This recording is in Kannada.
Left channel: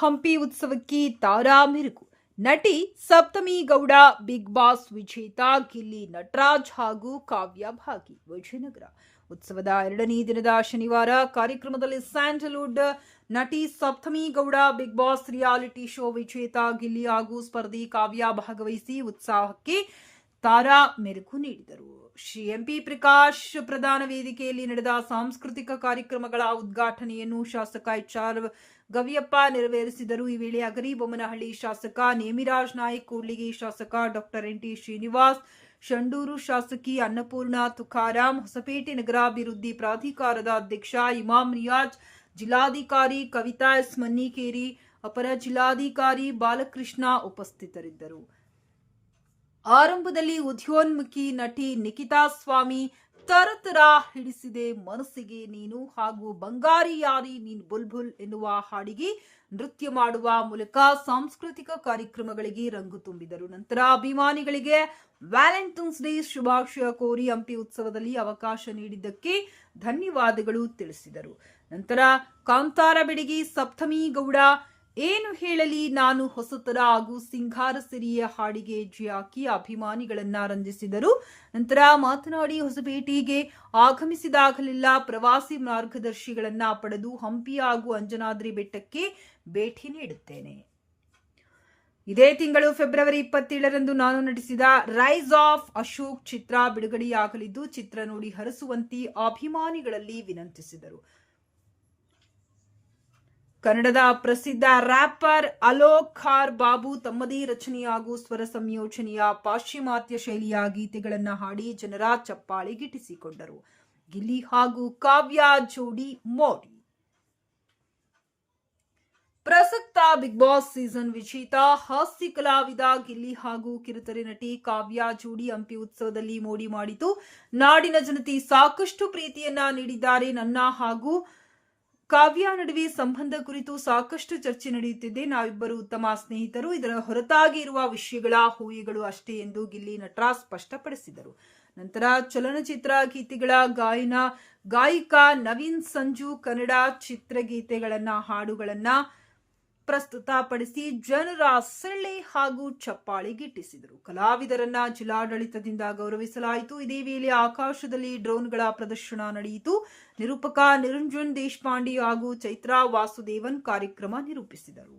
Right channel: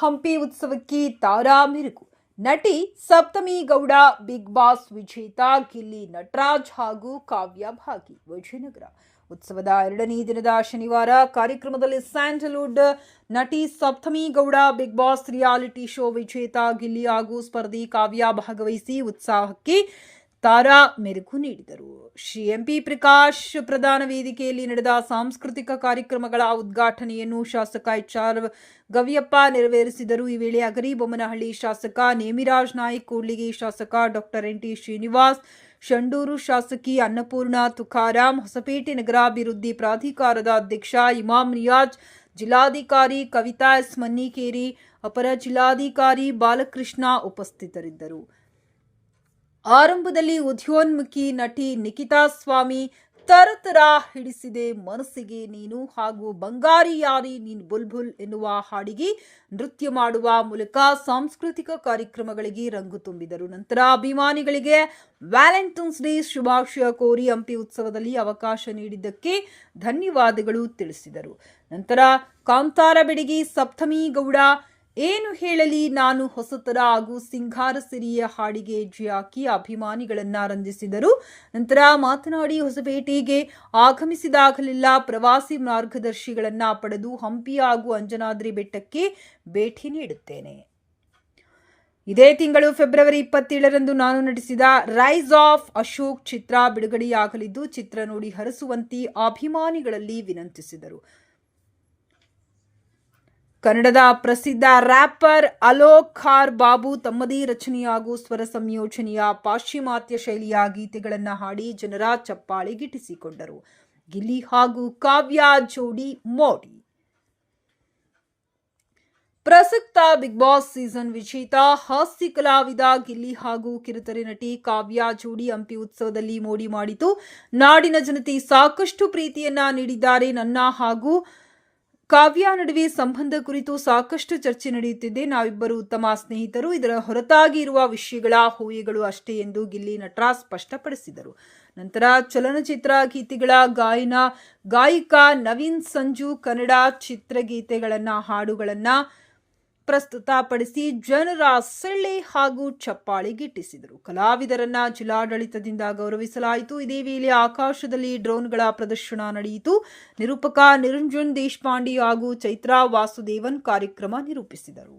ಹಂಪಿ ಉತ್ಸವಕ್ಕೆ ತಾರಾ ಮೆರುಗು. ನಟಿ ಸಪ್ತಮಿ ಗೌಡ, ಬಿಗ್ ಬಾಸ್ ವಿಜೇತ, ಗಿಲ್ಲಿ ನಟರಾಜ್ ಹಾಗೂ ಕಾವ್ಯ ಭಾಗಿ ವಿಜಯನಗರ. ಉತ್ಸವದ ಎರಡನೇ ದಿನದ ಶನಿವಾರ ಕಾರ್ಯಕ್ರಮದಲ್ಲಿ ಸ್ಯಾಂಡಲ್ವುಡ್ ನಟಿ Saptami Gowda, Bigg Boss reality show ವಿಜೇತ, ಗಿಲ್ಲಿ ಹಾಗೂ ಸ್ಪರ್ಧಿ ಕಾವ್ಯ ಭಾಗವಹಿಸಿ ಉತ್ಸಾಹಕ್ಕೆ ತಾರಾ ಮೆರುಗು ನೀಡಿದರು. ಶ್ರೀ ಎಂಪಿ ಪ್ರಕಾಶ್ ಪ್ರಧಾನ ವೇದಿಕೆಯಲ್ಲಿ ನಡೆದ ಸಾಂಸ್ಕೃತಿಕ ಕಾರ್ಯಕ್ರಮಗಳ ಉದ್ಘಾಟನೆಯನ್ನು ಶಾಸಕ ಎಚ್ ಆರ್ ಗವಿಯಪ್ಪ ನೆರವೇರಿಸಿದರು. ಈ ವೇಳೆ ಅಗರಿಬೊಮ್ಮನಹಳ್ಳಿ ಶಾಸಕ ನೇಮಿರಾಜ್ ನಾಯ್ಕ್, ಕೂಡ್ಲಿಗಿ ಶಾಸಕ doctor N T Srinivas, Sandur ಶಾಸಕಿ ಅನ್ನಪೂರ್ಣ ತುಕಾರಾಂ, ಹೊಸಪೇಟೆ ನಗರಾಭಿವೃದ್ಧಿ ಪ್ರಾಧಿಕಾರದ ಅಧ್ಯಕ್ಷ ಇಮಾಮ್ ರಿಯಾಜ್ ಜಿಲ್ಲಾಧಿಕಾರಿ ಕವಿತಾ ಎಸ್ ಮನ್ನಿಕೇರಿ, ಅಪರ ಜಿಲ್ಲಾಧಿಕಾರಿ ಬಾಲಕೃಷ್ಣ ಉಪಸ್ಥಿತರಿದ್ದರು. ಆರಂಭದಲ್ಲಿ ಉದ್ಯೋನ್ಮುಖಿ ನಟಿ ನಿಖಿತಾ ಸ್ವಾಮಿ ತರತರ ಹಿಡಿಸಿದೆ ಮನಸ್ಸಿಗೆ ನೀನು ಹಾಗೂ ಬಂಗಾರಿ ಯಾರಿ ನೀನ್ ಬುಲ್ಬುಲ್ ಎನ್ನುವ ಹಾಡಿಗೆ ನೃತ್ಯ ಮಾಡುವ ಮೂಲಕ ಸಾಂಸ್ಕೃತಿಕ ಕಾರ್ಯಕ್ರಮಗಳಿಗೆ ರಂಗು ತುಂಬಿದರು. ನಂತರ ಅಭಿಮಾನಿಗಳಿಗೆ ವ್ಯಾಲೆಂಟೈನ್ಸ್ ಡೇ ಶುಭಾಶಯ ಕೋರಿ ಹಂಪಿ ಉತ್ಸವದಲ್ಲಿ ಅವಕಾಶ ನೀಡಿದ್ದಕ್ಕೆ ಧನ್ಯವಾದಗಳು ತಿಳಿಸಿದರು. ನಂತರ ಕಾಂತಾರ ಬೆಡಗಿ ಸಪ್ತಮಿ ಗೌಡ ಏನು ಹೇಳಲಿ? ನಾನು ಹೊಸತರ ಹಾಗೂ ಸಿಂಗಾರ ಸಿರಿಯ ಹಾಡಿಗೆ ಜಿಯಾಕಿ ಅಭಿಮಾನಿಗಳನ್ನ ರಂಜಿಸಿದರು. ನಂತರ ಮಾತನಾಡಿ ಹೊಸಪೇಟೆಗೆ ಆಗಮಿಸಿದಾಗಲೆಲ್ಲ ಪ್ರವಾಸಿ ಮಾರ್ಗದರ್ಶಿಗಳನ್ನ ಪಡೆದು ಹಂಪಿ ಹಾಗೂ ಅಂಜನಾದ್ರಿ ಬೆಟ್ಟಕ್ಕೆ ಭೇಟಿ ನೀಡುತ್ತೇನೆ. ಇದೇ ತಿಂಗಳು ಫೆಬ್ರವರಿ ಇಪ್ಪತ್ತೇಳರಂದು ನಾನು ನಟಿಸಿದ ರೈಸ್ ಆಫ್ ಅಶೋಕ್ ಚಿತ್ರ ಬಿಡುಗಡೆಯಾಗಲಿದ್ದು ಚಿತ್ರ ನೋಡಿ ಹರಸುವಂತೆ ಅಭಿಮಾನಿಗಳಲ್ಲಿ ವಿನಂತಿಸಿದರು. ಕನ್ನಡದ ಪ್ರಸಿದ್ಧ ರ್ಯಾಪರ್ ಅಲೋಕ್ ಖಾರ್ ಬಾಬು ತಮ್ಮದೇ ರಚನೆ ಹಾಗೂ ಸ್ವರ ಸಂಯೋಜನೆಯ ಪಾಶ್ಚಿಮಾತ್ಯ ಶೈಲಿಯ ಗೀತೆಗಳನ್ನು ಹಾಡಿ ಜನರ ಚಪ್ಪಾಳಿಗಿಟ್ಟಿಸಿಕೊಂಡರು ಗಿಲ್ಲಿ ಹಾಗೂ ಕಾವ್ಯ ಜೋಡಿ ಮೋಡಿ. ಪ್ರಸಕ್ತ ಬಿಗ್ ಬಾಸ್ ಸೀಸನ್ ವಿಜೇತ ಹಾಸ್ಯ ಕಲಾವಿದ ಗಿಲ್ಲಿ ಹಾಗೂ ಕಿರುತೆರೆ ನಟಿ ಕಾವ್ಯ ಜೋಡಿ ಹಂಪಿ ಉತ್ಸವದಲ್ಲಿ ಮೋಡಿ ಮಾಡಿತು ನಾಡಿನ ಜನತೆ ಸಾಕಷ್ಟು ಪ್ರೀತಿಯನ್ನ ನೀಡಿದ್ದಾರೆ. ನನ್ನ ಹಾಗೂ ಕಾವ್ಯ ನಡುವೆ ಸಂಬಂಧ ಕುರಿತು ಸಾಕಷ್ಟು ಚರ್ಚೆ ನಡೆಯುತ್ತಿದೆ. ನಾವಿಬ್ಬರು ಉತ್ತಮ ಸ್ನೇಹಿತರು. ಇದರ ಹೊರತಾಗಿ ಇರುವ ವಿಷಯಗಳ ಹೂಯಿಗಳು ಅಷ್ಟೇ ಎಂದು ಗಿಲ್ಲಿ ನಟರಾಜ್ ಸ್ಪಷ್ಟಪಡಿಸಿದರು. ನಂತರ ಚಲನಚಿತ್ರ ಗೀತೆಗಳ ಗಾಯನ, ಗಾಯಕ ನವೀನ್ ಸಂಜು ಕನ್ನಡ ಚಿತ್ರಗೀತೆಗಳನ್ನ ಹಾಡುಗಳನ್ನ ಪ್ರಸ್ತುತಪಡಿಸಿ ಜನರ ಸೆಳ್ಳೆ ಹಾಗೂ ಚಪ್ಪಾಳೆ ಗಿಟ್ಟಿಸಿದರು. ಕಲಾವಿದರನ್ನ ಜಿಲ್ಲಾಡಳಿತದಿಂದ ಗೌರವಿಸಲಾಯಿತು. ಇದೇ ವೇಳೆ ಆಕಾಶದಲ್ಲಿ ಡ್ರೋನ್ಗಳ ಪ್ರದರ್ಶನ ನಡೆಯಿತು. ನಿರೂಪಕ ನಿರಂಜನ್ ದೇಶಪಾಂಡೆ ಹಾಗೂ ಚೈತ್ರಾ ವಾಸುದೇವನ್ ಕಾರ್ಯಕ್ರಮ ನಿರೂಪಿಸಿದರು.